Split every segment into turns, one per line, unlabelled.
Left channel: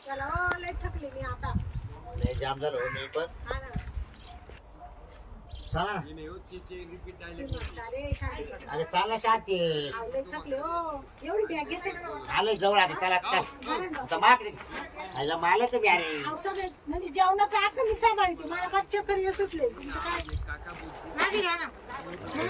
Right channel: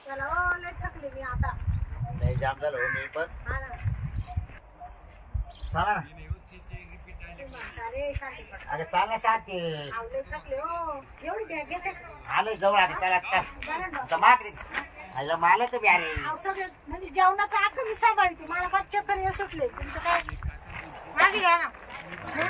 चला हो, लय थकले मी आता.
लय जाम झालं हो मी पण.
हा ना.
चला ना.
अरे शांती पड.
अगं चाल ना शांती.
अहो, लय थकले हो. एवढी बॅग घेते का?
आलोय जवळ आता चला चल.
बरं ना.
आता माकडे आयला मालक तुम्ही अरे.
अहो, सगळं म्हणजे जेवणाचं आख मी सांभाळते. मला फार चक्कर ये सुटले. तुमचं काय? माझी घ्या ना. हं?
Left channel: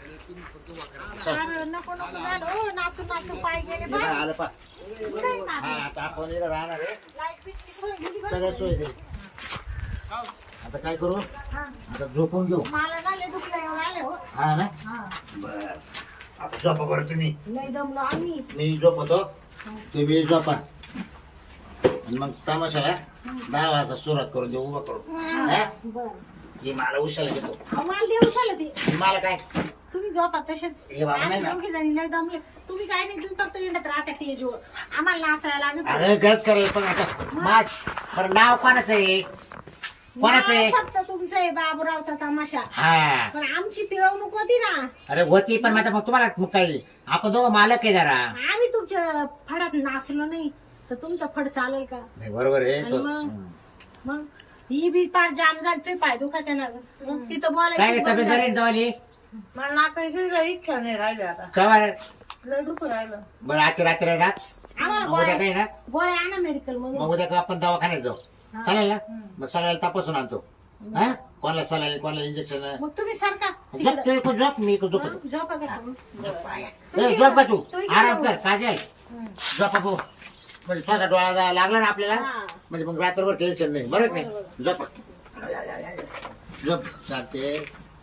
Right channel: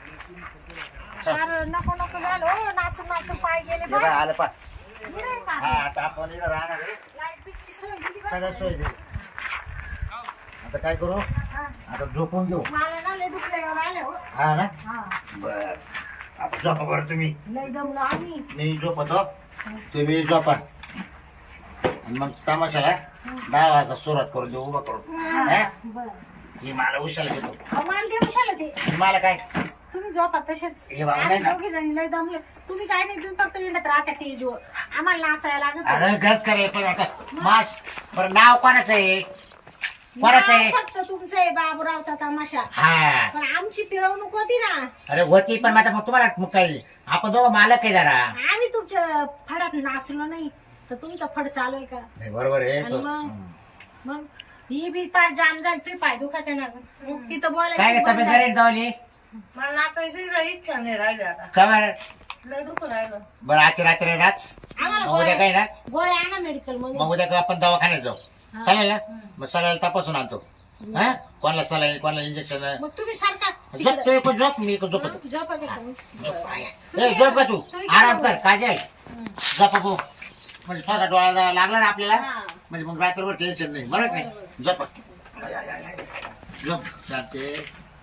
फार नको नको झालं हो. नाचून नाचून पाय गेले
हे बघ,
बा.
आलं पा.
इकडे आहे का?
हा आता आपण इकडं राहणार आहे.
लाईट बिटची सोय दिली बा.
सगळं सोय दे. आता काय करू
हा.
आता झोपून घेऊ.
मला ना लय दुखलं आले हो.
हा ना
हा.
बर आता झोपा बरं तुम्ही.
लय दमलो आम्ही.
मी झोपतो तुम्ही झोपा आणि मग तमाशाला 10 वाजता सुरुवात करून देऊ उभा करू. हा?
बरं.
हे मला उशाला घेतो.
अहो, मला देऊ शाला ते.
मला काय
तुम्ही झोपा तसेच.
हे बाबा नाही ना.
दोघी जणी लय दमले. तुम्ही काय नाही तुम्ही फक्त येण्यात राहता टेजवर. आम्हाला नाचायला लागत.
अरे गज करे पण आता माश बरं नाव कोणाचं आहे कोणाचं आहे
नाव फक्त तुमचं आहे बाबूरावचा तमाशा.
हा
पण आमची पिळवणूक होती ना.
अरे होती पण आता मग तुम्हाला मग काही आपण दोघं मालक आहे जरा.
आम्ही तुमच्या फडात नाचलो नाही तर तुमचा फड चालेल का?
नाही बरोबर आहे
आणि मग ही बी फार जाम झाली. तुम्ही पाय दुखत आहे ना तिथं
काय
बोलायचं
तब्येत बरी आहे जावली
मला नाचायची इच्छा नाही राहिली आता.
कवर
लय दुखून राहिलं.
बरं आजची रात्री नाच
आम्हाला
मग उद्या काय ना
गोळ्या आणा मेडिकल मधून.
मग उद्या आपण दवाखान्यात जाऊ चालेल ना मग सगळ्याला तपासून आणतो हा कोणाला सलाई कोणाला इंजेक्शन
मग तुम्ही सारखा
झोप तू एक झोप मी एक झोपतो
झोपा देतो.
ए झोप का तू
तुम्ही
आराम कर काजल झोप तू म्हणजे स्वतः डोळा लागला ना आपल्याला
हा.
म्हणजे मग रात्रभर टेन्शन नाही बरं नाही झोप झोप चालते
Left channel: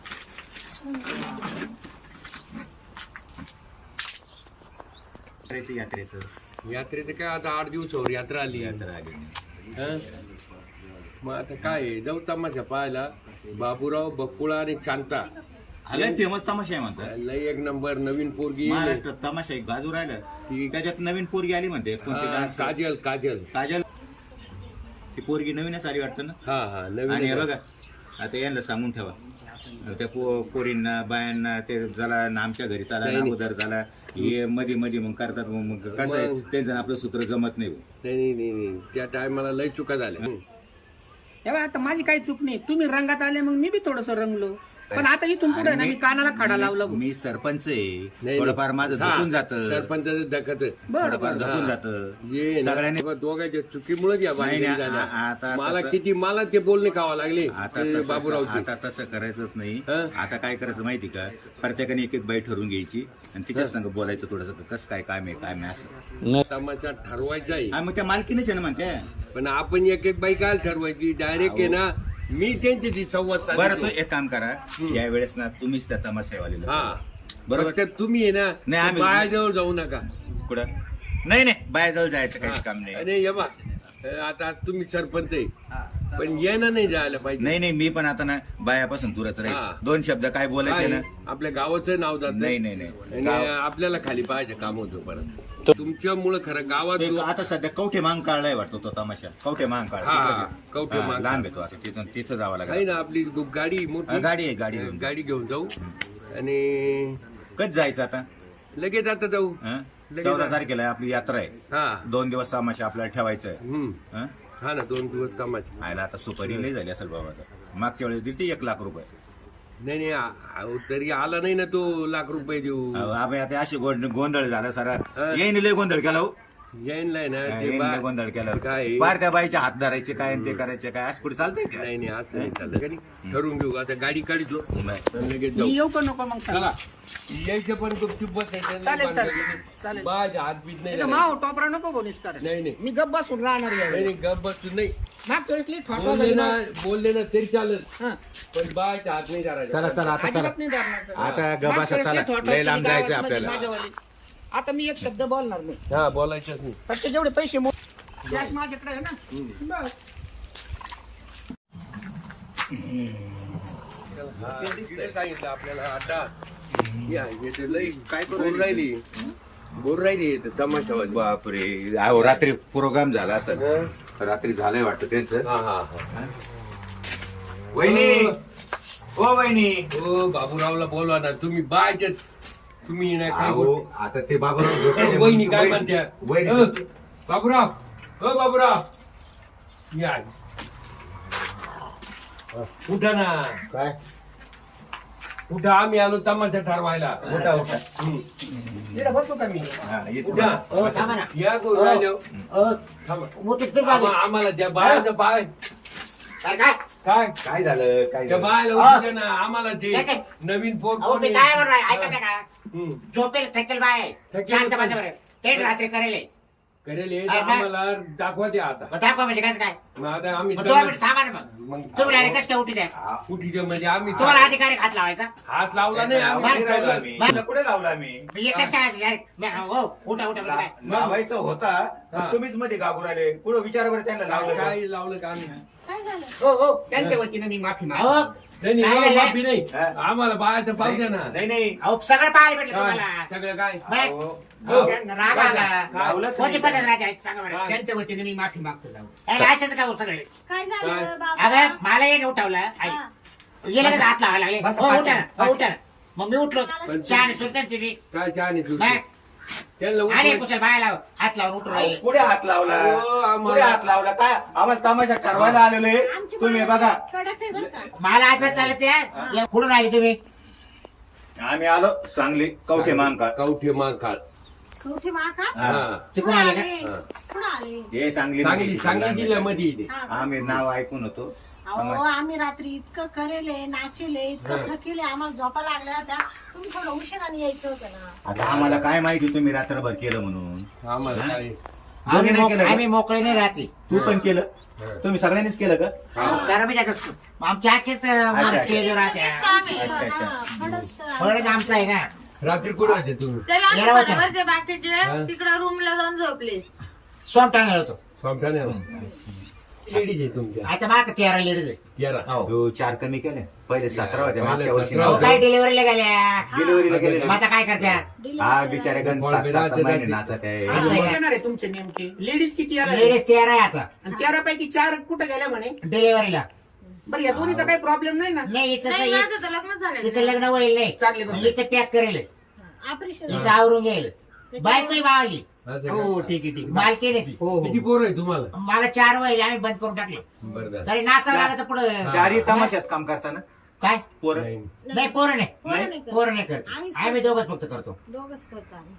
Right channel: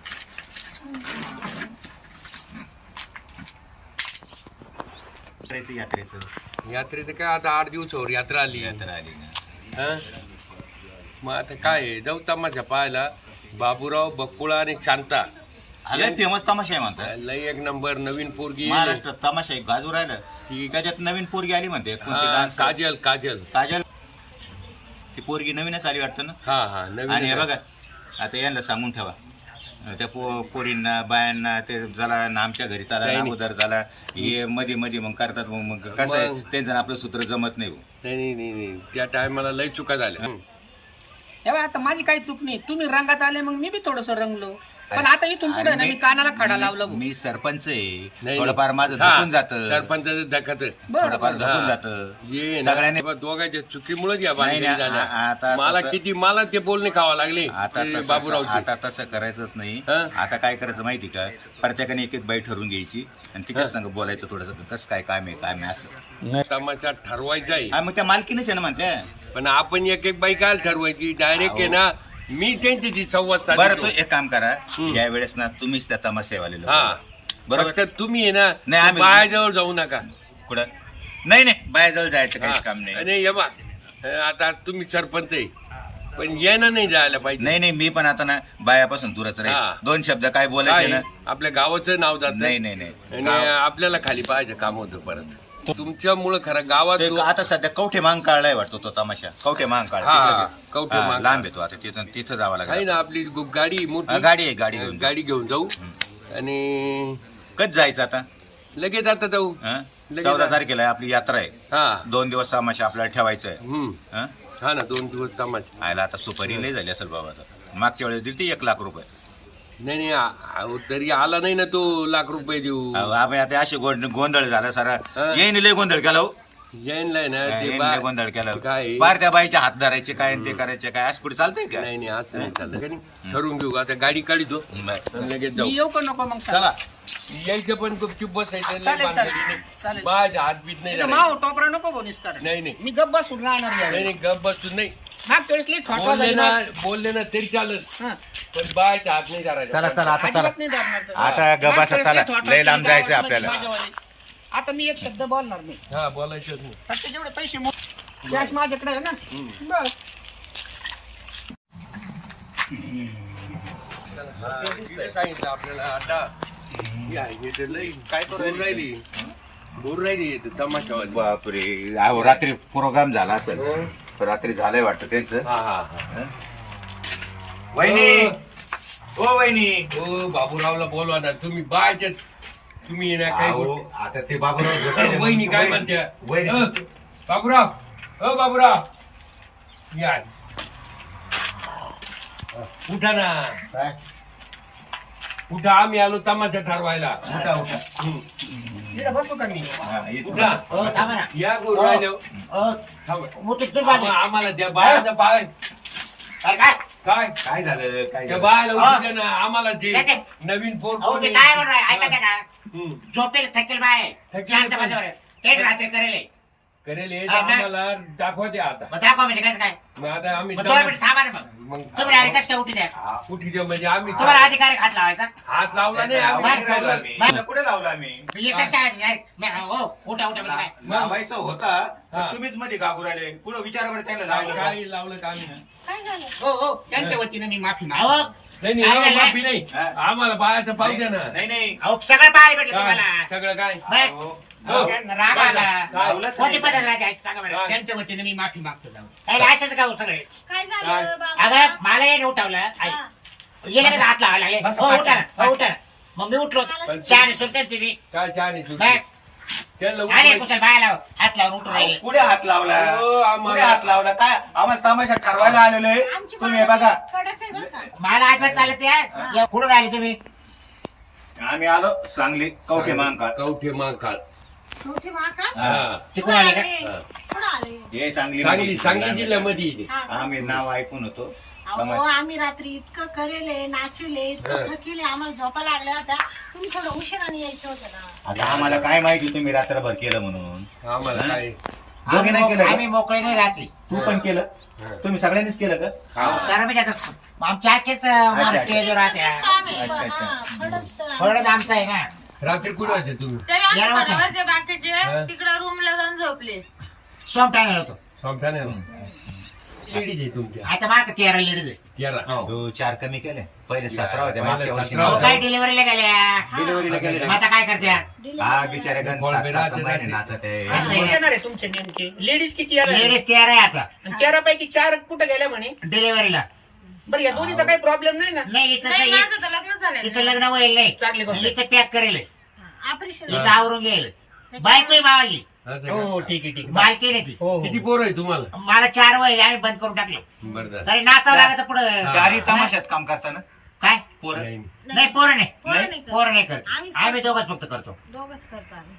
यात्रेचं काय आता 8 दिवसावर यात्रा आली ना. मग आता काय आहे, जाऊ तमाशा पाहायला. बाबूराव बकुळा आणि शांता
लय फेमस तमाशा आहे म्हणतात
लय एक नंबर नवीन पोरगी
महाराष्ट्रात तमाशा एक गाजू राहिलं त्याच्यात नवीन पोरगी आली म्हणते कोणती
हा,
डान्स
काजल काजल
काजल ती पोरगी नवीनच आली वाटतं ना
हा हा
आणि
नवीन
हे बघा आता यांना सांगून ठेवा त्या पोरींना बायांना ते झाला ना आमच्या घरी चाला
नाही, नाही.
अगोदर झाला हे मध्ये मध्ये मग करतात मग कसं आहे
मग.
त्यांचं आपलं सूत्र जमत नाही हो.
नाही त्या टायमाला लय चुका झाल्या
तेव्हा आता माझी काही चूक नाही. तुम्ही रंगात आले मग मी बी थोडस रंगलो. पण आता इथून पुढे ना मी कानाला खडा लावला भाऊ.
मी सरपंच आहे
नाही,
थोडंफार माझं
हा,
धकून जातं
सरपंचाचं दखत
थोडंफार
हा.
धकून जातं
ये ना,
सगळ्यांनी
बाबा दोघांच्या चुकीमुळेच या
नाही,
भानगडी
नाही,
झाल्या.
आता
मला
तसं-
मला ते बोलणे खावा लागले
आता
ते
तसं
बाबूरावचे
आता तसं करायचंच नाही
हं?
आता काय करायचं माहिती का प्रत्येकाने एक एक बाई ठरवून घ्यायची आणि तिच्याच संग बोलायचं थोडंसं कसं काय काम आहे असं
तमाशा ठरवायचा आहे
हा, मग त्या मालकीनच आहे ना म्हणते
पण आपण एक एक बाई काय ठरवायची डायरेक्ट आहे ना मी त्यांच्याशी संवाद
बरं
साधतो.
तू एक काम करा या वेळेस ना तुम्हीच त्या तमाशावाले लोक.
हा
बरोबर
फक्त तुम्ही आहे
नाही,
ना
आम्ही-
बायाजवळ जाऊ नका
कुठं नाही नाही बायाजवळ जायचं काहीच
हा.
काम नाही
आणि हे बा आता तुम्ही सरपंच आहे पण येणं नाही जायला पाहिजे
नाही नाही मी पण आता ना बायापासून दूरच
हा.
राहील 2 शब्द काय बोलायचे
काय?
ना
आपल्या गावाचं नाव जात
नाही नाही नाही
आणि
गाव-
आपल्याला खाली पाहायचं काम होतं परत तुमच्यामुळं खरं गावात
ते आता सध्या कवठे मांग काढलाय वाटतो तो तमाशा कवठे मांग काढ
हा,
तिकडे ते.
कवठे
हा,
मांग.
लांब येतो आता तिथं जावं
आहे
लागेल
ना आपली गाडी मोठी
गाडी आहे गाडी घेऊन
गाडी घेऊन जाऊ आणि
कधी जायचं आता
लगेच आता जाऊ
हं?
लगेच
14 तारखेला आहे, आपली यात्रा आहे
हा
2 दिवस तमाशा आपल्याला ठेवायचं आहे हं?
हा ना 2 दिवस तमाशा
आयला आता सुपारी लय झाली असेल बाबा आता. मागच्या वेळेस दिली ती 1 लाख रुपये
नाही नाही अहो, तरी आला नाही ना तो ₹1,00,000 देऊ
अहो, आम्ही आता असे गोंधळ झाला सारा
हं?
येईन लय गोंधळ केला हो
जैनला आहे ना ते
येईन लय गोंधळ केला
काय
बाहेर त्या बाईच्या हात धरायचे काय आणि ते करायचे काय असं कुठे चालतंय का
नाही नाही असं नाही चाललं का नाही? ठरवून घेऊ आता गाडी काढतो
बरं.
आणि लगेच
मी
जाऊ
येऊ का नको मग
चला यायचं पण गुपचूप बसायचं लय
चालेल,
भानगडी
चालेल.
नाही.
चालेल.
बायच्या हात बीत नाही
नाही
धरायचे.
माव टोपरा नको बोनीस कर
नाही नाही
मी गप्प बसून राहणार
नाही
यावेळी.
नाही गप बसून नाही
मागच्या वेळेस लई ठोठवा
बोलले
झाली
ना
ना.
बोलले ना तरी चालेल
हं.
पण बायच्या हात नाही धरायचा
चला चला आता चला
अजिबात नाही धरणार तर.
आता गबासा
मागच्या
चला
वेळेस लई ठोठवा
लय लांब
केली
जायचं
गावामध्ये
आपल्याला
माझ्यावाली. आता मी एक शब्द बोलणार नाही
हा बोलायचं नाही
फक्त जेवढे पैसे कॅश माझ्याकडे आहे ना बस
तिने सांगितलं आपल्याला आता या, हे ते लई बोर राहिली बोर राहिली ते तमाशावाली.
बापरे अहो, रात्री प्रोग्राम झाला असेल तर रात्री झालंय वाटतं त्यांचं
हा हा हा
वहिनी ओ वहिनी
ओ बाबूरावला बोलवा ना तुम्ही बायच्या तुम्ही ना काय
अहो, आता ते बाबा
वहिनी काय म्हणत्या
वहिनी
बाबूराव हो बाबूराव या उठा ना
काय
उठा आम्ही आलो तमाशा ठरवायला
उठा उठा
इकडे बसू का मी
हा, येतो.
उठा
थांबा ना
या गुरु राहिलो
मोठी किती पाहिजे?
आम्हाला त्या बाळाचं बाळ
काय काय
काय
काय झालं काय
त्या
झालं
बाळाला उठू दे ना आम्हाला ते
त्याचे-
नवीन फोन
अहो ते काय म्हणून ऐकायचं का
हम्म.
झोपेल थकेल बाय
थकेल
शांत
बाय.
बसा बरं. ते रात्री करेल
करेल हे
हा, मग?
आम्हाला दाखवा द्या आता
मग दाखवा म्हणजे कसं काय
मग आता आम्ही
मग 2 मिनिट थांबा ना मग
मग
तुम्ही डायरेक्ट कसं काय उठी द्या
उठी द्या म्हणजे आम्ही
तुम्हाला अधिकारी हात लावायचा
हात लावला नाही आम्ही
आवाज नाही लावला
ठेवला.
मी.
बाय.
तुला कुठे लावला मी
हे कसं काय direct? हो उठा उठा म्हणजे काय
लावायचा होता
हा.
तर तुम्हीच मध्ये गागू राहिले पुढे विचारा बरं त्यांना लावलं का?
काय लावलं का आम्ही
काय झालं
हो हो त्यांच्या वतीने मी माफी मागतो
अहो
नाही
काय
नाही
झालं?
माफी नाही
हा.
आम्हाला बाळाचं पाहू द्या ना
नाही नाही
अहो सगळं पाहायला भेटलं
काय
तुम्हाला
सगळं काय
बाय.
अहो,
हो.
त्यांना राग आला
लावलंच
कोणती
नाही.
पद्धत राहते ऐक, सांगा बरं
काय?
त्यांच्या वतीने मी माफी मागतो जाऊ
काय लायसन्स का हो सगळे
काय
काय?
झालं बाबा
अगं मला याने उठवलं आई
हा.
गेले का हात लावायला लागले
बस,
हो
पाठी,
उठा ना, हो उठा ना. मग मी उठलो
पण-
चहा सुलतान तुम्ही
काय छान आहे तुझं.
बाय
त्याला
आले
उठवायचं.
कुशल बाय लाव हात लावून उठून
अहो,
राहिले
कुठे हात लावला
हो, आम्हाला-
कुठे हात लावला काय आम्हाला तमाशा ठरवायला आलेलो आहे
आमची
तुम्ही
बाळा
बघा
कडक आहे बरं का
मला आजपास चालत या कुठून आले तुम्ही
आम्ही आलो सांगली कवठे मांका
कवठे मांकाळ
मोठी माका
हा
तिकडून आले का
कुठं आले
हे सांगली
सांगली जिल्ह्यामध्ये येते.
हा.
आम्ही नाव ऐकून होतो
अहो आम्ही रात्री इतकं करेले नाचले इतकं थकेले आम्हाला झोपा लागल्या होत्या तुम्ही थोडं उशिराने यायचं होतं ना
आता आम्हाला काय माहिती तुम्ही रात्रभर केलं म्हणून
आम्हाला
हा?
काय
दोघी नाही केलं
आम्ही
का?
मोकळे नाही राहते
तू पण केलं तुम्ही सगळ्यांनीच केलं का
करा मी त्याचं आमच्या आजचेच
अच्छा.
स्टेजवर राहत्या
अच्छा, अच्छा.
हा, खडंच तर.
थोडंच आमचं आहे ना
रात्री कुठे होते तुम्ही
तरी आम्ही
याला होतं.
बरोबरचे बाकीचे
हा.
तिकडं रूमला जाऊन झोपले
सोमटाने होतो
समजा लेडीज आहे तुमच्या
आता माग 13 लेडीज आहे
13
तू 4 कमी केले पहिले 17 होते
पहिले
मागच्या वर्षी
17
अहो,
होते.
काय डिलिव्हरीला गेल्या
डिलिव्हरीला गेले
मग आता काय करत्या
हा बिचारे गण
बॉल
7
बिराचे
महिने
जाते.
नाचत आहे
असं आहे.
येणार आहे तुमचे नेमके लेडीज किती आल्या
लेडीज 13 आहे आता
आणि 13 पैकी 4 कुठे गेल्या म्हणे
डिलिव्हरीला
बरं या दोन्हीचा काही प्रॉब्लेम नाही ना
नाही हिचं
नाही
तर-
माझं तर लग्न झालं
तिचं लग्न होईल नाही
चांगली गोष्ट.
हिचं पॅक करेल
ऑपरेशन
हिचं आवरून घेईल बायको मावाली
असं
हो
का?
ठीक आहे ठीक आहे
मालकी नाही ती
हो हो
किती पोरं आहे तुम्हाला
मला 4 वय आम्ही बंद करून टाकलं
बरं झालं.
तरी नाचावं लागत पुढं
चारी तमाशात काम करताना
काय
पोरं
नाही.
नाही पोरं नाही
पोरं नाही करत.
पोरं नाही करत
आम्हीच
आम्ही दोघच फक्त करतो
दोघच करतो आम्ही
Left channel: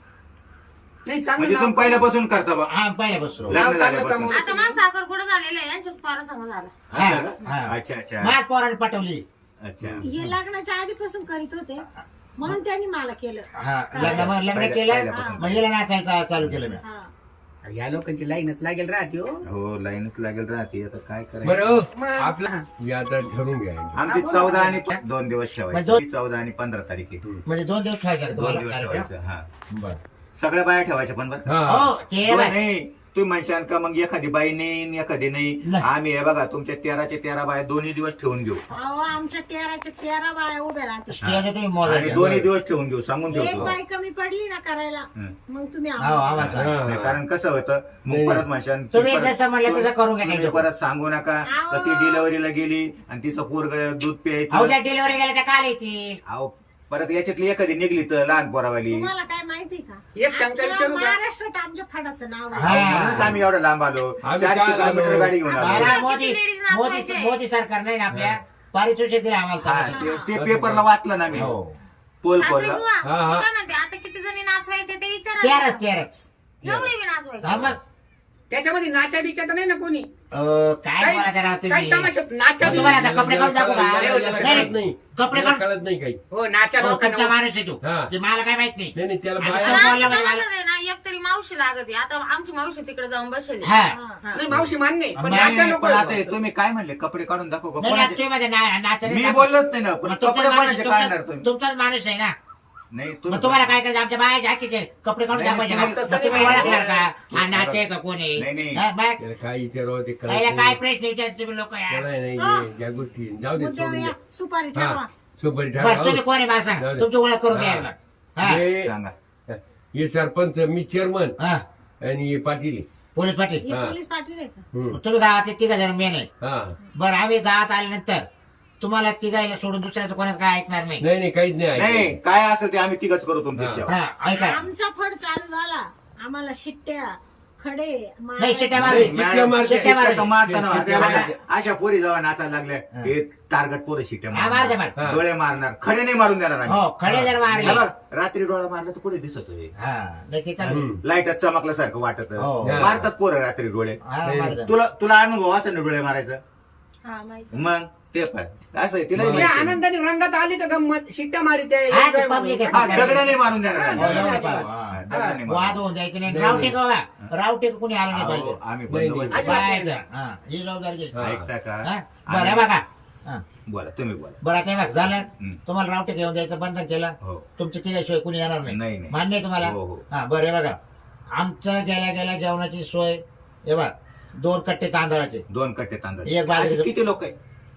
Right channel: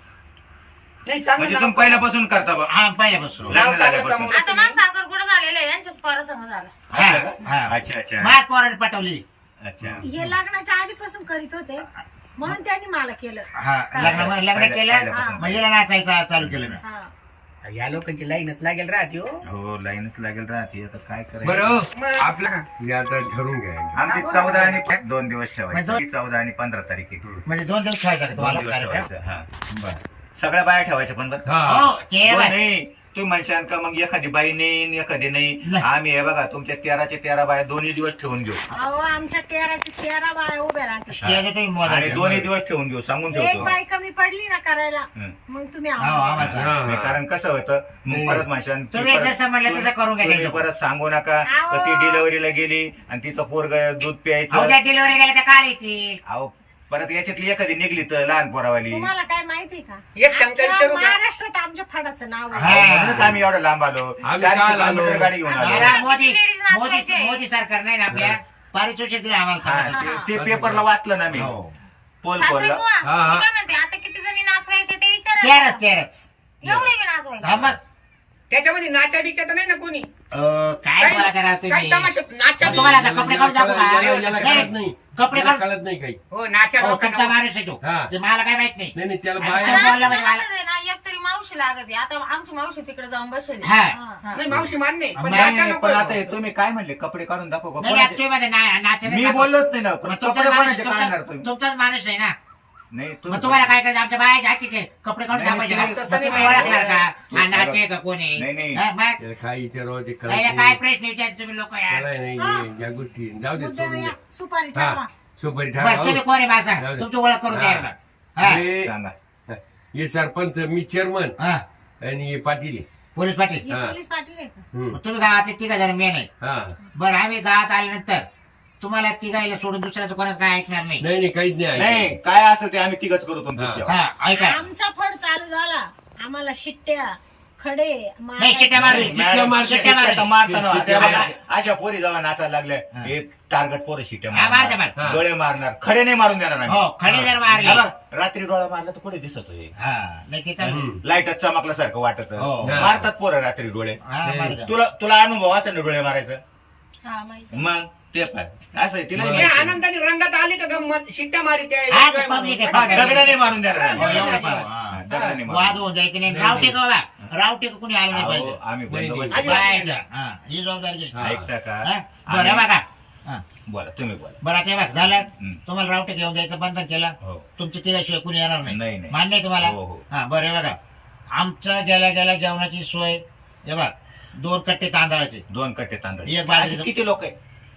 नाही चांगलं
म्हणजे
नाव-
तुम्ही पहिल्यापासून करता बा
हा पहिल्यापासून
लग्न
नाव चांगलं
झाल्यापासून.
कमवलं
आता माझा साखर कुठं झालेला आहे यांच्याच पारा संग झाला
हा,
असं का?
हा.
अच्छा अच्छा
माझ्या पोराने पटवली
अच्छा
हे लग्नाच्या आधीपासून करीत होते म्हणून त्यांनी मला केलं
हा लग्न केलं
पहिल्यापासून.
मग हिला नाचायचं चालू केलं मी
हा
या लोकांची लाईनच लागेल राहते हो
हो लाईनच लागेल राहते आता काय
बरं
करायचं
हो, आपलं हे आता ठरवून घ्या
आमची 14 आणि 2 दिवस
म्हणजे
ठेवायचे 14 आणि 15 तारीख आहे.
म्हणजे 2 दिवस खायचा का
2
तुम्हाला
दिवस
कार्यक्रम
ठेवायचं हा
बरं
सगळ्या बाया ठेवायच्या पण बरं
हा
हो ते
हो,
बाय.
नाही तुम्ही म्हणशान का मग एखादी बाई नाही एखादी नाही
नाही.
आम्ही हे बघा तुमच्या 13च्या 13 बाया 2 दिवस ठेवून घेऊ
अहो आमच्या 13च्या 13 बाया उभ्या राहतात
स्टेजवर तुम्ही
आणि
मोजायचं.
2 दिवस ठेवून घेऊ सांगून
एक
ठेवतो
बाई कमी पडली ना करायला
हं.
मग तुम्ही
हो,
आम्हाला-
आवाज.
हा,
नाही,
हा.
कारण कसं होतं
नाही.
मग परत म्हणशान
तुम्ही
परत-
जसं म्हणलं तसं करून घ्या
तुम्ही
त्यांच्याकडून.
परत सांगू नका
अहो.
का ती डिलिव्हरीला गेली आणि तिचं पोरग दूध
अहो
प्यायचं
ज्या डिलिव्हरी गेल्या त्या काल येतील
अहो परत याच्यातली एखादी निघली तर लहान पोरावाली
तुम्हाला काय माहिती का
एक शंका
अख्ख्या
विचारू का?
महाराष्ट्रात आमच्या फडाचं नाव आहे
हा.
म्हणूनच आम्ही एवढं लांब आलो
आम्ही
400
काल आलो.
किलोमीटर गाडी घेऊन आलो
मला मोदी
किती ladies
मोदी
नाचवायचे?
मोदी सरकार नाही ना आपल्या पारितोषिक दिलं आम्हाला
हा,
कामाचं.
ते पेपरला वाचलं ना मी
हो.
पोल
सासरे
खोलला
बुवा,
हा, हा.
मी काय म्हणते आता किती जणी नाचवायचे ते विचारा
13च
एवढे बी नाचवायचे
हा मग
त्याच्यामध्ये नाचा बिचा तर नाही ना कोणी
काय बोला करा
काही
तुम्ही
तमाशात नाचा
मग तुम्हाला आता कपडे काढून दाखवू का?
याला
नाही,
कळत नाही
कपडे
याला
काढून
कळत नाही काही
हो नाचा
हो,
भाऊ
तुमचा माणूस आहे तू
हा.
ते मला काय माहित नाही
नाही नाही त्याला
आता
बाहेर
तो बोलला म्हणजे मला-
नाचत आहे ना एक तरी मावशी लागत आहे आता आमची मावशी तिकडे जाऊन बसली
हा
नाही मावशी मान्य आहे, पण
नाही,
नाचा
नाही,
नको
पण आता हे तुम्ही काय म्हणले कपडे काढून दाखव का?
नाही
कोणाचे?
तुम्ही माझ्या नाचत
मी बोललोच नाही ना पण कपडे कोणाचे काढणार तुम्ही
तुमचाच माणूस आहे ना
नाही
मग तुम्हाला काय करायचं आमच्या बाया जाकीचे कपडे काढून
नाही,
दाखवायचे
नाही,
ना?
तसं
मग तुम्ही
नाही.
ओळखणार का हा नाचे का कोण
नाही,
आहे
नाही.
हा, मग
त्याला काय विचारावं ते कळत
पहिला काय
नाही.
प्रश्न विचार तुम्ही लोक यार
त्याला नाही
हा.
या गोष्टी जाऊ दे
मुद्द्यावर
सोडून
या.
दे.
सुपारी ठरवा
हा सुपारी
बरं
ठरवा.
तुम्ही कोण आहे बा सांग
जाऊ दे.
तुमची ओळख करून द्या
हा.
एकदा. हा
हे-
सांगा
हे सरपंच मी चेअरमन
हा
आणि हे पाटील
पोलीस पाटील
ही
हा.
पोलीस पाटील आहे का
हम्म.
तुम्ही गावातले 3 जण मेन आहे
हा
बरं आम्ही गावात आल्यानंतर तुम्हाला 3 सोडून दुसऱ्याचं कोणाचं काय ऐकणार नाही
नाही नाही काहीच नाही
नाही
ऐकायचं.
काय असेल ते आम्ही तिघच करू तुमच्या
हा.
सेवा.
हा ऐका
आमचा फड चालू झाला आम्हाला शिट्ट्या खडे
नाही शिट्या मारली
मॅडम,
शिट्या मारली.
शिट्ट्या तर मारताना
शिट्ट्या
ते बघा,
मारली.
अशा पोरी जेव्हा नाचायला लागल्या हे टार्गेट पोरं शिट्ट्या
हा, मारते,
मारणार,
मार.
डोळे मारणार, खडे नाही मारून देणार आम्ही.
हो खडे जर मारले
हे बघ, रात्री डोळा मारला तर कुठे दिसत होय
हा नाही ते चालेल.
लाईटात चमकल्यासारखं वाटत
हो.
मारतात पोरं रात्री डोळे.
हा, मारते.
तुला अनुभव असेल ना डोळे मारायचा
हा माहिती
मग ते पण असं आहे, तिला
ते
माहिती आहे.
आनंदाने रंगात आली तर गंमत शिट्ट्या मारित
हा, ते public आहे.
हा, दगडाने मारून देणार
हो,
आम्ही.
एवढं पाहू.
हा,
हा.
दगडाने
वाद
मारून.
होऊन जायचं नाही रावटे का बाबा रावटे कुणी आलं नाही पाहिजे
अहो, आम्ही
नाही,
बंदोबस्त-
नाही.
बाळायचं. हा, ही जबाबदारी घ्यायची.
ऐकता का
हा? बरं बघा हा.
बोला तुम्ही बोला.
बरं आता हे बघ झालं
हं.
तुम्हाला रावटे घेऊन जायचं बंधन केलं
हो
तुमच्या तिच्याशिवाय कुणी येणार
नाही,
नाही
नाही.
मान्य आहे तुम्हाला
हो, हो.
हा बरं हे बघा आमचं गेल्या गेल्या जेवणाची सोय हे बघ 2 कट्टे तांदळाचे
2 कट्टे तांदूळ
एक बाजरी-
असे किती लोक आहे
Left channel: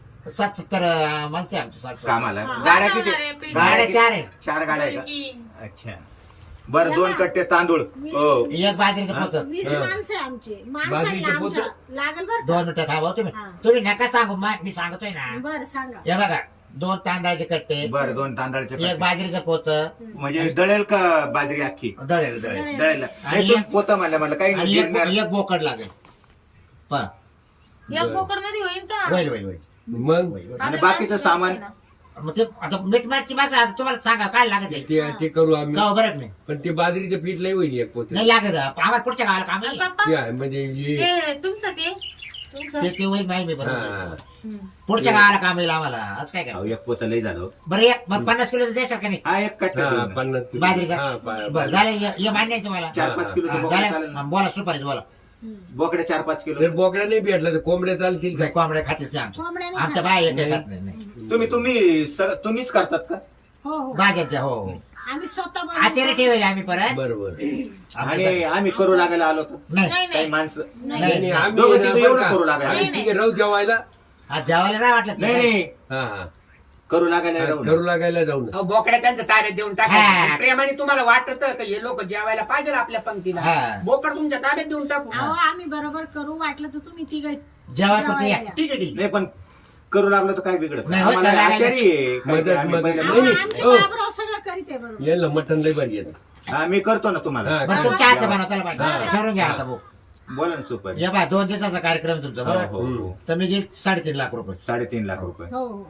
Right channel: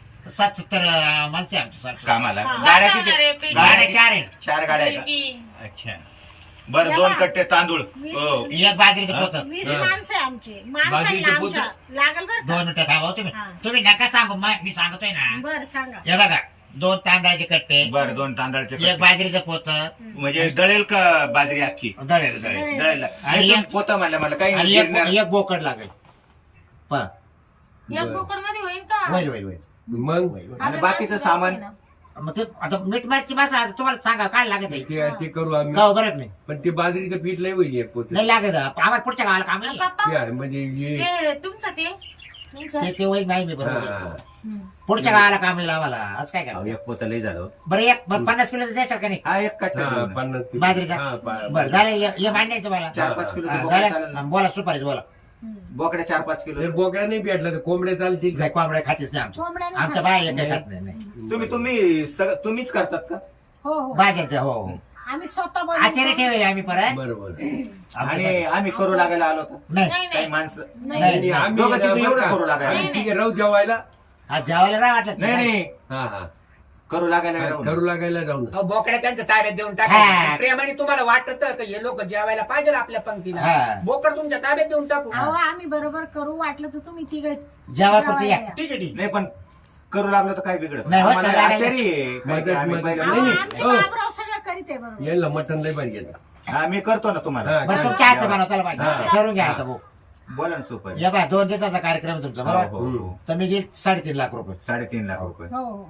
70 माणसं आहे आमची 60.
कामाला
हा.
गाड्या
बस
किती
होणार आहे, पेटी.
गाड्या 4 आहेत
4 गाड्या आहे का?
मुलगी.
अच्छा बरं 2 कट्टे तांदूळ हो
एक बाजरीचं पोत
20 माणसं आहे आमची माणसं
बाजरीचं
आहे
पोतं?
आमच्या लागल बरं
2 मिनिटं थांबा हो तुम्ही
हा.
तुम्ही नका सांगू मी सांगतोय ना
बरं सांगा
हे बघा 2 तांदळाचे कट्टे
बरं 2 तांदळाचे
एक
कट्टे.
बाजरीचं पोत
म्हणजे दळेल का बाजरी अख्खी
दळेल
दळेल
आणि
नाही, पण पोतं म्हणलं मला काही
आणि
नाही
एक
गिरणार.
एक बोकड लागेल पहा
एक बोकड मध्ये होईल का
होईल होईल होईल
मग
होईल, होईल.
आणि बाकीचं सामान?
मग ते आता मीठ मारची भाषा आता तुम्हाला सांगा काय लागत आहे
ते करू आम्ही
गाव बरं नाही
पण ते बाजरीचं पीठ लय होईल एक पोते
नाही लागत आम्हाला पुढच्या गावाला काम नाही
पप्पा
ते आहे, म्हणजे हे-
ते तुमचं ते तुमचं
ते होईल नाही मी बरोबर
हा.
हम्म.
पुढच्या गावाला काम येईल आम्हाला असं काय
अहो,
करा
एक पोतं लय झालं
बरं एक बरं 50 किलोचं द्यायचं का नाही
हा एक कट्टा
हा,
देऊन.
50 किलो.
बाजरीचा
हा,
बरं झालं हे मान्य आहे तुम्हाला
4-5 किलोचं
हा,
बोकडं
झालं?
चालेल ना?
हा, बोला सुपारीच बोला
बोकडे 4-5 किलो
जर बोकड्या नाही भेटला तर कोंबड्या चालतील
काय कोंबड्या खातीच नाही आमच्या
कोंबड्या नाही
आमच्या बाय एक खात नाही
तुम्हीच करतात का
हो हो
भाज्याच्या हो हो
आम्ही स्वतः
आचार्य
बनवतो.
ठेवले आम्ही परत
बरोबर
आणि आम्ही करू लागायला आलो होतो
नाही
नाही
काही
नाही
माणसं
नाही, नाही, आम्ही
दोघं
ना,
तिघं
बरं
एवढं
का?
करू लागायला.
आम्ही तिघे राहू जेवायला
हा जेवायला नाही वाटलं
नाही नाही
हा हा
करू लागायला राहू
करू लागायला जाऊन
अहो, बोकड्या त्यांच्या ताब्यात देऊन
हा.
टाका प्रेमाने तुम्हाला वाटत का हे लोक जेवायला पाहिजे आपल्या पंक्तीला
हा.
बोकड तुमच्या ताब्यात देऊन टाकू
अहो आम्ही बरोबर करू वाटलं तर तुम्ही तिघ
जेवायपुरती या.
ठीक आहे ठीक
नाही पण करू लागलो तर काय बिघडत
नाही, होत
आम्हाला
नाही,
आचारी आहे.
मदत-
काय आम्ही
मदत-
पहिल्या-
नाही, नाही.
आमचे
हो.
बाबराव सगळं करीत आहे बरोबर
यायला मटण लय भारी येतं
आम्ही करतो ना तुम्हाला
हा.
बरं तुमच्या हातचं बनवा चला बाई
हा.
ठरवून घ्या आता भाऊ
बोला ना सुपर
या बा 2 दिवसाचा कार्यक्रम तुमचा
हो,
बरोबर
हो, हो.
तर मी घेईल 3.5 लाख रुपये
3.5 लाख रुपये
हो हो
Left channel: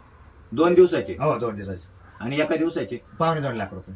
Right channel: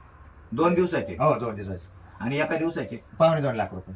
2 दिवसाचे
हो 2 दिवसाचे
आणि एका दिवसाचे
2.25 लाख रुपये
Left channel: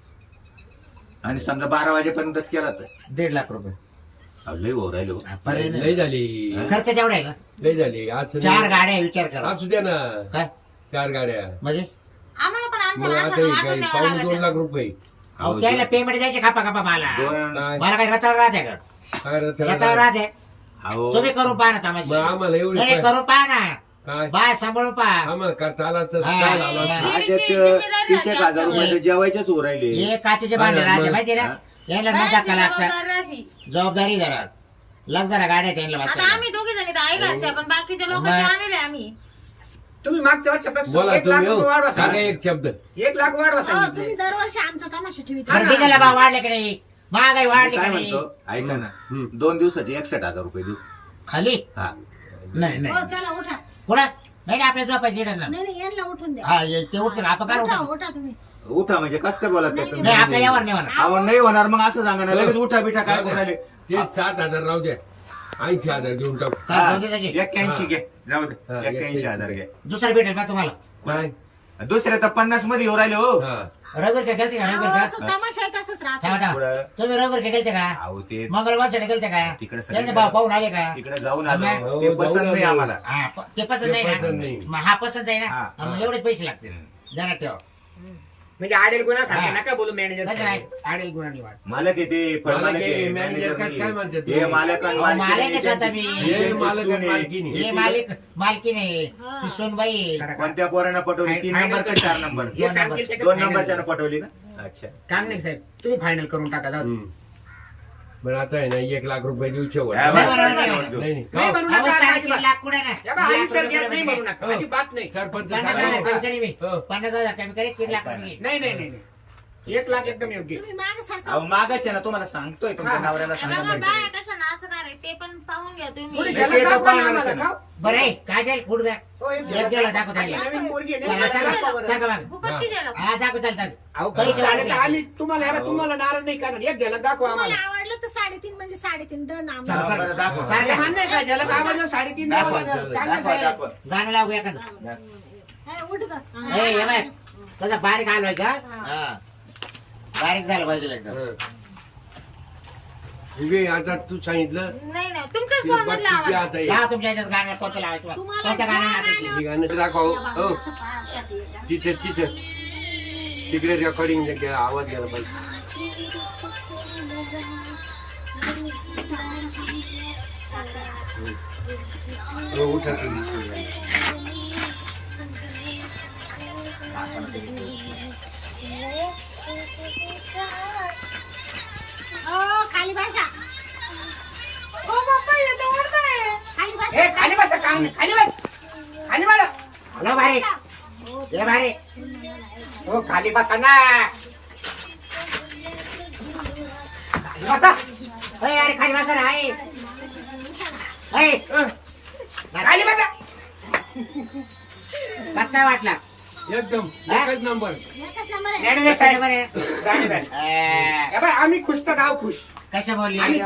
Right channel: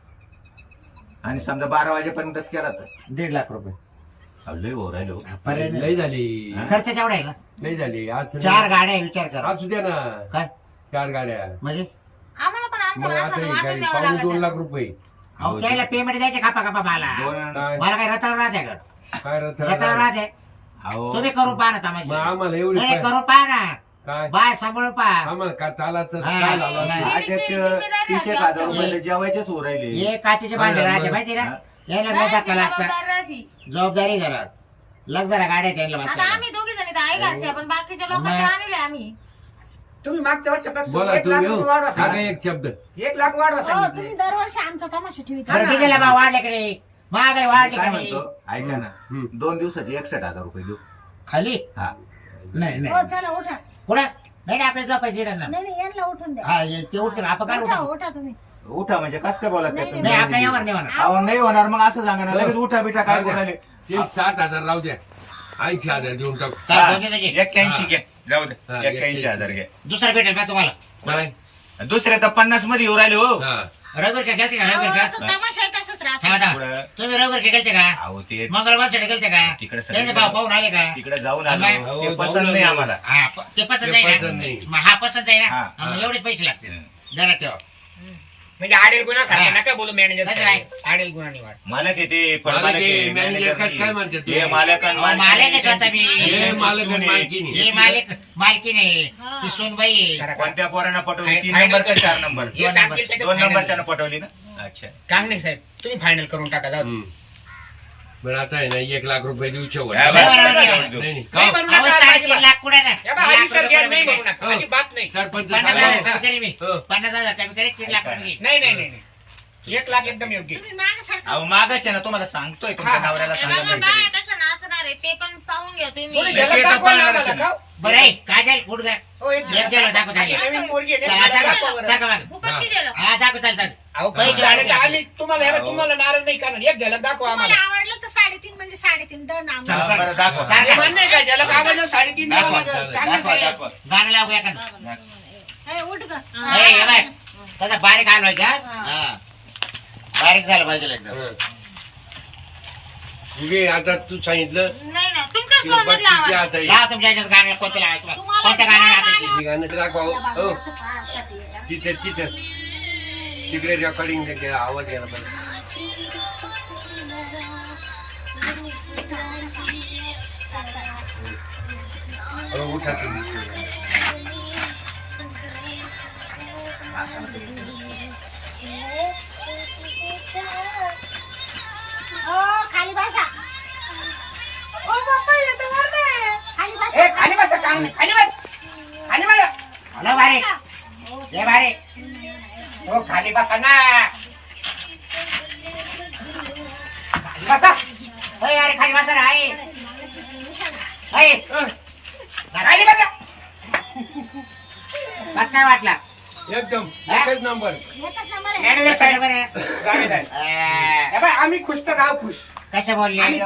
आणि समजा 12 वाजेपर्यंतच केला तर
1.5 लाख रुपये
अहो, लय भाऊ राहिलो
पर्याय नाही.
लय झाली
खर्च तेवढा आहे ना
लय झाली आज
4 गाड्या आहे, विचार करा
असू द्या ना
काय
4 गाड्या
म्हणजे
आम्हाला पण आमच्या
मग आता
माणसाला
हे
वाटून
काय
द्यावं
2.5
लागेल.
लाख रुपये
अहो त्याला पेमेंट द्यायचे खापा खापा मला
दोन
काय
मला काय रताळ राहते का
काय
रताळ राहते
अहो
तुम्ही करू पहा ना
मग
तमाशा
आम्हाला एवढी
नाही करू पहा ना
काय
बाय सांभाळून पहा
आम्हाला का चालायचं
हा.
काय झालं
नाही.
आजच
जिम्मेदारी
30,000 रुपये जेवायचेच हो राहिले
हे काचेचे भांडे
हा,
राहते
मग.
माहिती ना
हा.
यायला न
बायांची
धक्का लागतात
जबाबदारी राहते.
जबाबदारी जरा लग जरा गाड्या त्यांना
आता
वाचायला
आम्ही दोघी जणी तर आहे घरच्या पण बाकीच्या लोक
मग.
आणले आम्ही
तुम्ही मागच्या वर्षापेक्षा
बोला
1 लाख
तुम्ही
रुपये
हो.
वाढवा
सांगा
सांगितले.
एक शब्द
1 लाख वाढवा
हो, तुम्ही
सांगितले
दरवर्षी आमचा तमाशा ठेवित
बरं डिझेलला भाव वाढले की नाही महागाई वाढली
काय
की नाही
म्हणतो ऐका ना
हम्म.
2 दिवसाचे 61,000 रुपये देऊ
खाली
हा
नाही
हो
नाही
चला उठा
कुठं नाही नाही आपल्या झोपायची येणार ना
नाही नाही यांना उठून द्या
हा ते उठतील आपण काय
उठा
उठू?
उठा तुम्ही
उठा म्हणजे कस काय बोलत
नाही,
तुम्ही?
नाही आपल्या यावर नाही म्हणा
अहो नाही होणार मग असं सांगा ना लगेच उठा बिठा काय बोलायले
ते 60,000 राहू द्या 80,000 देऊन टाकू
काय
हा,
दोन दिवसाची?
81 घे जाऊ दे
हा,
81,000 घे
दुसरा भेटेल बा तुम्हाला
काय
दुसरे तर 50 मध्ये येऊ राहिले हो
हा
रविवार का गेलते का
अहो,
रविवार
तो
का
तमाशा आहे तसंच राहतो
थांबा थांबा
पुढं.
तुम्ही रविवार का गेलते का
अहो ते
मंगळवार साठी गेलते का
तिकडे सगळे-
त्यांचे भाव पाहून आले का
तिकडे जाऊन
आम्ही-
आलो
हो,
ते
जाऊन
पसंत नाही
आलो.
आम्हाला
हा ते पसंत
ते
नाही
पसंत
ना
नाही.
मग हा पसंत आहे
हा,
ना
हा.
एवढे पैसे लागतील जरा ठेवा
म्हणजे आडेल गुन्हा
हा.
सारखे नका बोलू
नाही, नाही.
मॅनेजर आडेल गुन्हा नाही वाट
मालक येते पण
मालक
मालक
आहे,
आहे,
मॅनेजर
मॅनेजर
काय
नाही.
म्हणतात
हे
ते?
मालक आणि
मालक
मालकीण
आहे स्वतः मी.
हे
हे मालक
सून
आणि
आहे.
मालकीण आहे.
हे मालिक मालकी नाही
हा.
ती सोनबाई आहे.
कोणत्या पोरानं पटवली 3
फायनल
नंबर का
करा.
4 नंबर
हे सांगतील त्याच्यात
2
फायनल
नंबरच्यानं
करा.
पटवली ना अच्छा
कांगणे साहेब तुम्ही फायनल करून टाका जाऊ दे.
हम्म. बरं आता आहे ना 1 लाख रुपये देऊ शेवट
हा,
बरं,
बरं,
बरं,
बरं,
बरं.
बरं.
नाही नाही
नाही
का?
बनवू
अहो,
नका,
3.5
अजिबात.
लाख कुठे ना
या बा, आधी सर घ्या, नाही बनवू नका
हो.
अजिबात नाही
सरपंच
50,000 कमी
सांगा.
करी मी
हो.
50,000 कमी करी 3 लाख रुपये
नाही नाही नाही नाही. 1 लाख एकदम योग्य
तुम्ही मागे सारखं
अहो मागाच आहे ना तुम्हाला सांगतोय तुमच्या
हा, हा.
नवऱ्याला
हे
सांगा
बघा
माहिती
बाया
आहे.
कशा नाचणार आहे ते पण पाहून घ्या
थोडी
तुम्ही
नाही,
झलक
ते तर
दाखवा ना
पाहायला
आम्हाला,
ना.
का?
बरं आहे काजल कुठ गा
हो, एक
एक गेलो दाखव
आणि
त्याला
नवीन पोरगी आहे,
चला,
नाही,
सांगा,
दाखवा बरं.
सांगा बघा.
फुकट किती दिलं
हा दाखव चालतात
अहो
पैसे
पैसे
वाढले.
आम्ही तुम्हाला हे बघा, तुम्हाला नाराज नाही करणार एक झलक दाखवा
तुम्हाला
आम्हाला
आवडलं तर 3.5 म्हणजे 3.5 डन
चला,
आम्हाला.
बरं, दाखवा.
हे
सारखं
म्हणणे का ज्याला कामाला 3.5 द्यावं
दाखवा,
लागेल. चांगलं
दाखवा,
आहे.
दाखवा. गाणं लावू एखादं.
हे, उठ ग.
हे, हे बाय. तसा बारीक हलवायचा हा. बारीक झालं पाहिजे एकदम.
हं. घे, आता तू सांगितलं
नाही नाही तुमच्याच
की
फोन मध्ये
बक्षीस
आवाज
आता ये.
लावा तुमच्या ह्याच्यात गाणं कोणतं लावायचं
तुम्हाला
कोणत्या
ज्या
गाणं नाचायचं?
हे गाणं दाखवा हो. हो
असं पाहासाठी येतं.
तिथे तिथे तिकडे रेकॉर्डिंग आवाज गेला पाहिजे. हो, उठा तुम्ही.
खाली बसा. ओ बाप्पा, येतो वरती. खाली
ए,
बसा.
खाली बसा, काम नाही. खाली बस. खाली बसा.
हॅलो बारीक ये बारीक.
हो खाली बसा ना. खाली बसा.
अरे अरे खाली बसा रे, आहे. आहे.
खाली बसा.
कसं काय वाटला
एकदम एकच नंबर.
एकच नंबर आहे.
मॅडम साहेब बरं.
गाडी जाईल. हे बाय, आम्ही खुश तर गाव खुश.
कसं बोलली
आणि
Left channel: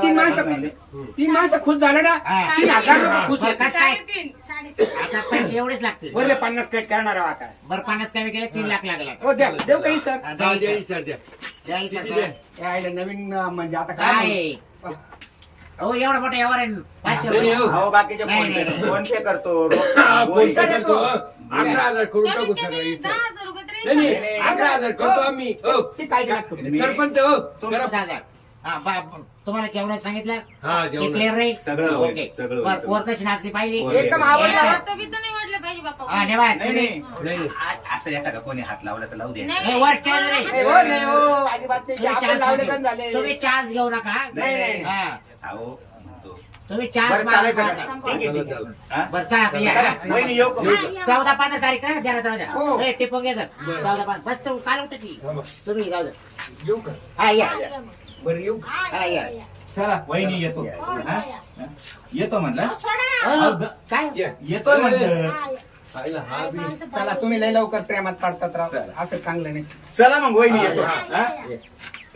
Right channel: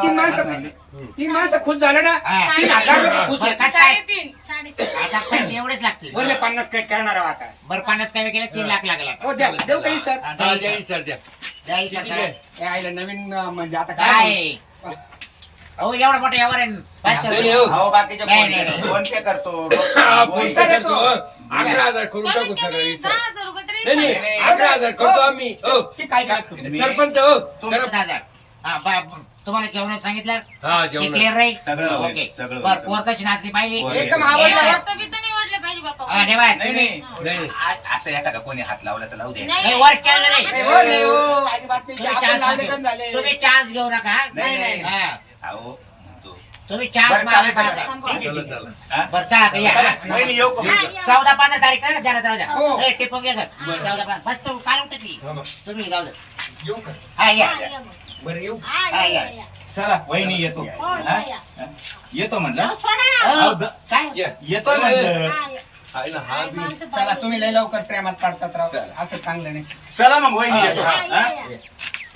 3 माणसं खुश झालं ना.
हा.
3,000 रुपये खुश
बरं,
आहे.
कसं काय
3.5
3.5.
आता पैसे एवढेच लागतील.
बोलले 50 कट करणार आहोत आता.
बरं 50 कमी केले 3 लाख लागेल आता.
हो द्या, देऊ काही सर.
हा,
हा,
द्या
द्या,
हिशोब.
सर, द्या.
द्या हिशोब
किती
सर.
द्या?
हे आईला नवीन म्हणजे आता काय
काय अहो एवढं मोठं यावर आहे 500
नाही,
रुपये.
हो.
हो बाकीचे
नाही,
फोन
नाही,
पे
नाही.
फोन पे करतो
हा,
वही
पैसा
देतो.
देतो, हो. 11,000 करून टाकू
कमीत
सगळं
कमी
इथं.
10,000 रुपये तरी
नाही नाही
नाही,
11,000 करतो आम्ही. हो
ती काळजी नका करू.
मी-
सरपंच हो
तुमचं
करा.
दादा हा तुम्हाला जेवणात सांगितलं
हा,
ते
जेवणात.
क्लिअर राहील
सगळं होईल,
ओके
सगळं होईल,
बरं,
सगळं.
पोर कशी नाचली पाहिजे
पोर
एकदम
एक-
आवडलं.
रक्त बित्त नाही वाटलं पाहिजे बाप्पा.
हा, धन्यवाद.
नाही नाही
नाही नाही.
असं एखादा कोणी हात लावला तर लावू दे
नाही,
नाही, वर ठेवलं नाही.
नाही, हो, नाही, हो, अजिबात नाही.
तुम्ही
आपण
चान्स
लावले
नका
पण झाले.
घेऊ. तुम्ही चान्स घेऊ नका
नाही, नाही.
हा.
अहो म्हणतो.
तुम्ही चान्स
बरं चालायचं
मारा.
का?
संपवा.
ठीक आहे,
चला,
ठीक आहे.
चला.
हा?
बरं चला आता या.
वहिनी येऊ का?
हा, या.
14-15 तारीख आहे जरा जाऊ द्या
हो.
ए, टिपून घे सर 14-15 बस तू काल उठती
थांबा.
तुम्ही जाऊ द्या
येऊ का
हा या
हा, या मग.
बरं येऊ.
हा,
हा,
या,
या.
या.
चला वहिनी येतो
हो,
हा?
या.
हा? येतो म्हटलं
अहो, सोडा ना.
हो, काय
या.
येतो म्हटलं
हा, या.
आईला हा
काय
बी.
माणसं
चला
पाहिजे.
तुम्ही लय लवकर प्रेमात पडतात राव.
चला.
असं चांगलं नाही.
चला मग वहिनी येतो
हा,
हा?
या, या.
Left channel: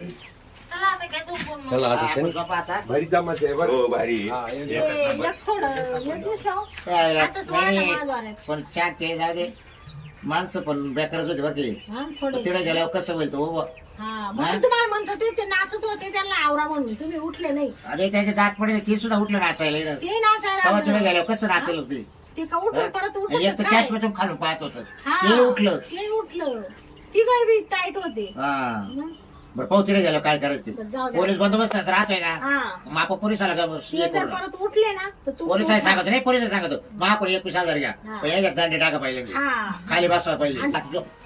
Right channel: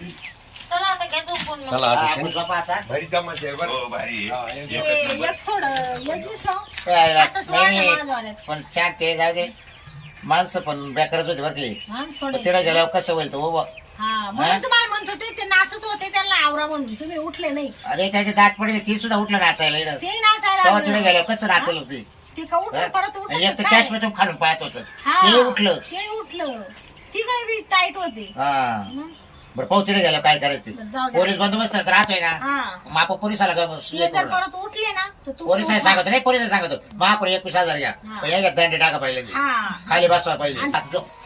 चला आता काय झोपून मग.
चला आता
हा,
त्यांनी
झोपा आता.
भारी जमाचे आहे बरं.
हो भारी
हा, एक-
हे, एक थोडं एक दिसलं
काय
आताच वाढलं
नाही,
माझ्या वाल्यात.
पण शांत ते जाऊ दे माणसं पण बेकारच होते बरं की
हा, थोडे
तिकडे गेल्यावर कसं होईल तो उभं
हा म्हणून तुम्हाला म्हणत होते ते नाचत होते त्यांना आवरा म्हणून तुम्ही उठले नाही
अरे त्याचे दात पडले ती सुद्धा उठलं नाचायला इकडं.
ते नाचायला
तेव्हा
लागले.
तिकडे गेल्यावर कसं नाचलं होती
ते का उठलं परत उठलं
एक तर
काय?
कॅश मधून खालून पाहत होतं
हा,
ते उठलं
ते उठलं ती काही बी टाईट होते
हा
मग
बरं पाहू तिकडे गेलं काय करायचं
बरं,
ते.
जाऊ द्या.
पोलीस बंदोबस्त राहतोय ना
हा
मग आपण पोलिसाला
ते जर परत उठले ना तर तू
पोलिसाला सांगतो नाही पोलिसाला सांगतो महापुर 21,000 घ्या
हा.
पण याच्यात दंड टाका पाहिजे
हा
खाली बसवा पाहिजे आता जो